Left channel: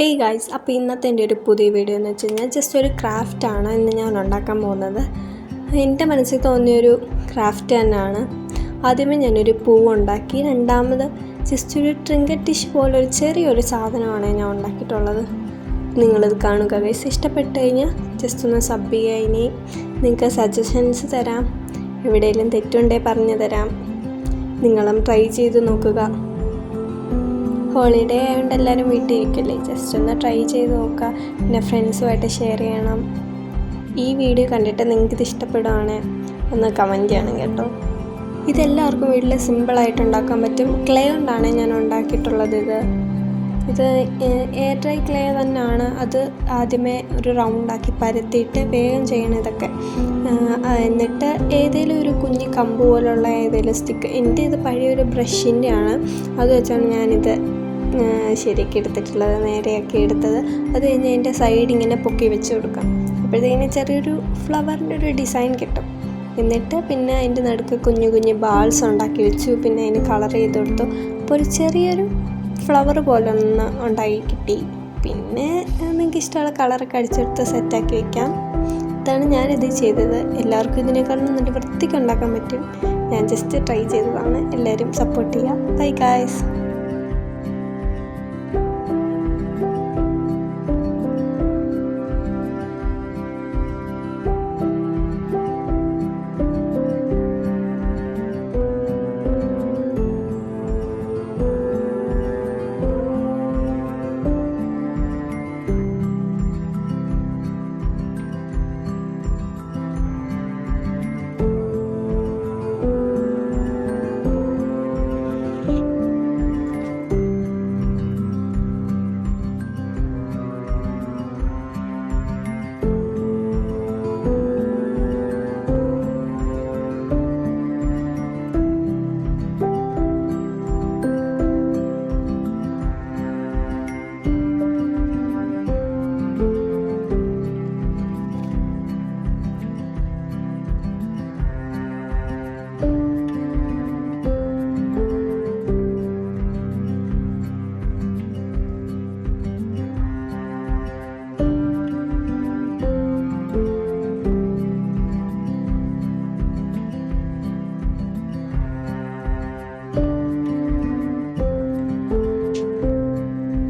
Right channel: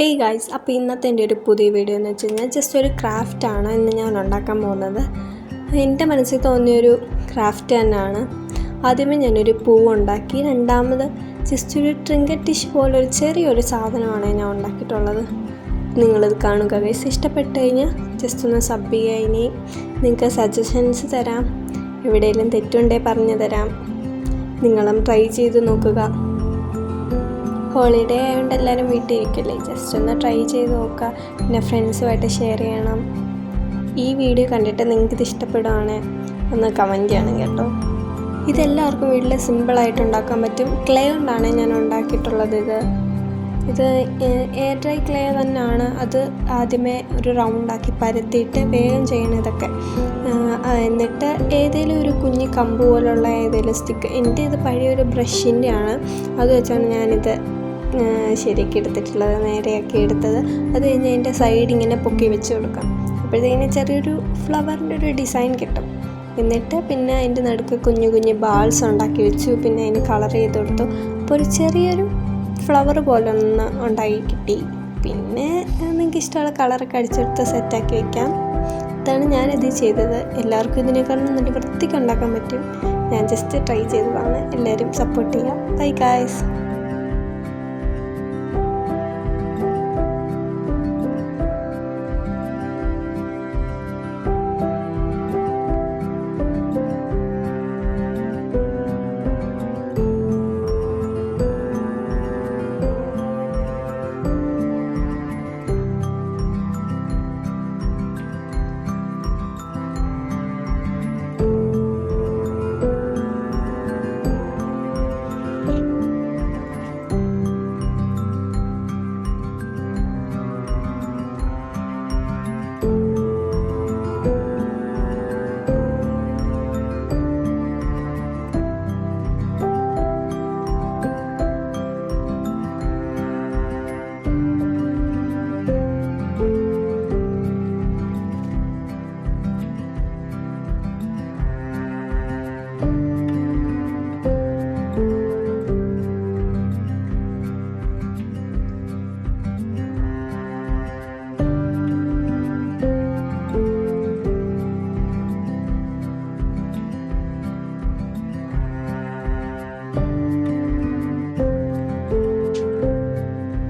Hey guys, അപ്പോൾ ഇന്നത്തെ എൻ്റെ ഒരു പുതിയ വീഡിയോ എന്ന് വെച്ച് കഴിഞ്ഞാൽ ജസ്റ്റ് ഒരു ക്രാഫ്റ്റാണ് ഇന്ന് ഞാൻ ഉണ്ടാക്കാൻ പോകുന്നത്. എൻ്റെ മനസ്സിൽ തോന്നിയൊരു ക്രാഫ്റ്റ് തന്നെയാണ്. ആദ്യമേ ഞാനൊരു പൂവുണ്ടാക്കി, രണ്ടാമത് ജസ്റ്റ് ഒരു ട്രിങ്കറ്റ് ടിഷ് പോലൊരു ചെറിയൊരു സാധനമാണ് ഞാൻ ഉണ്ടാക്കിയിട്ടുള്ളത്. നിങ്ങളിത് കാണുക ഗൈസ്. ഇഷ്ടപ്പെട്ട് കഴിഞ്ഞാൽ ജസ്റ്റ് ഒന്ന് സബ് ചെയ്യുക. ഇനി നിങ്ങൾക്ക് സജഷൻസ് തരാം, എവിടെയെങ്കിലും തെറ്റുണ്ടെങ്കിൽ പറഞ്ഞു തരാം. നിങ്ങളും ട്രൈ ചെയ്ത് നോക്കുക. ഹോളിഡേ ആയതുകൊണ്ട് എല്ലാവരും വീട്ടിൽ ഇരിക്കില്ലേ, ജസ്റ്റ് ഒന്ന് ട്രൈ ചെയ്ത് നോക്കുക. പിന്നെ ഫ്രണ്ട്സുമായിട്ട് ഷെയർ ചെയ്യണം. ഈ വീഡിയോ കണ്ടിട്ട് നിങ്ങൾക്കിത് ഇഷ്ടപ്പെടുകയാണ് ഒന്ന് കമൻറ്റ് ചെയ്യണം കേട്ടോ. ഇതെല്ലാവർക്കും വീട്ടിൽ സിമ്പിളായിട്ട് ഉണ്ടാക്കാൻ പറ്റും. ക്ലേ കൊണ്ടാണ് ഞാൻ ഉണ്ടാക്കിയിട്ടുള്ളത്. ഇത് എയർ ഡ്രൈ ക്ലേ തന്നെയാണ്. അത് ആദ്യമേ ഒരു റൗണ്ടാക്കി പരത്തിയിട്ട് വേഗം ചെയ്യണം ഇതൊക്കെ. എന്നിട്ട് ഏതെങ്കിലും ഒരു കുഞ്ഞി കമ്പ് പോലുള്ള ഏതെങ്കിലും സ്റ്റിക്ക്, എൻ്റെ ഇത് പഴയൊരു ബ്രഷിൻ്റെ ആണ്, അത് വെച്ചാണ് ഞാനിത് ശരിയാക്കി എടുത്തിട്ടുള്ളത്, നേരെയാക്കി എടുത്തത്. അത് കഴിഞ്ഞ് അതിൻ്റെ സൈഡ് ഇങ്ങനെ പൊക്കി വെച്ച് കൊടുക്കാം. അപ്പോഴത്തേക്കിന് ചെറിയൊരു ഫ്ലവറിൻ്റെ ഒരു ഡിസൈൻ കിട്ടും. എന്നിട്ട് പിന്നെ അതിൻ്റെ നടുക്ക് കുഞ്ഞു കുഞ്ഞു ബാൾസ് ഉണ്ടാക്കി വെച്ചു. പിന്നെ അതിന് കളർ ചെയ്ത് കൊടുത്തു. അപ്പോൾ ഒരു ചെറിയൊരു ഫ്ലവർ പോലെ ഒന്ന് ഉണ്ടാക്കി കിട്ടി. പിന്നെ നിങ്ങൾക്ക് ഇഷ്ടമുള്ള കളറൊക്കെ അടിച്ചെടുത്ത് സെറ്റാക്കി വെക്കാം. ഇതാണ് ഞാനിത് ചെയ്തത്. എല്ലാവർക്കും ഇതിനേക്കാളും നല്ല വൃത്തിക്ക് ഉണ്ടാക്കാൻ പറ്റും. ഞാൻ ജസ്റ്റ് ട്രൈ ചെയ്തതാണ്. എല്ലാവരും സപ്പോർട്ട് ചെയ്യുക. Bye guys.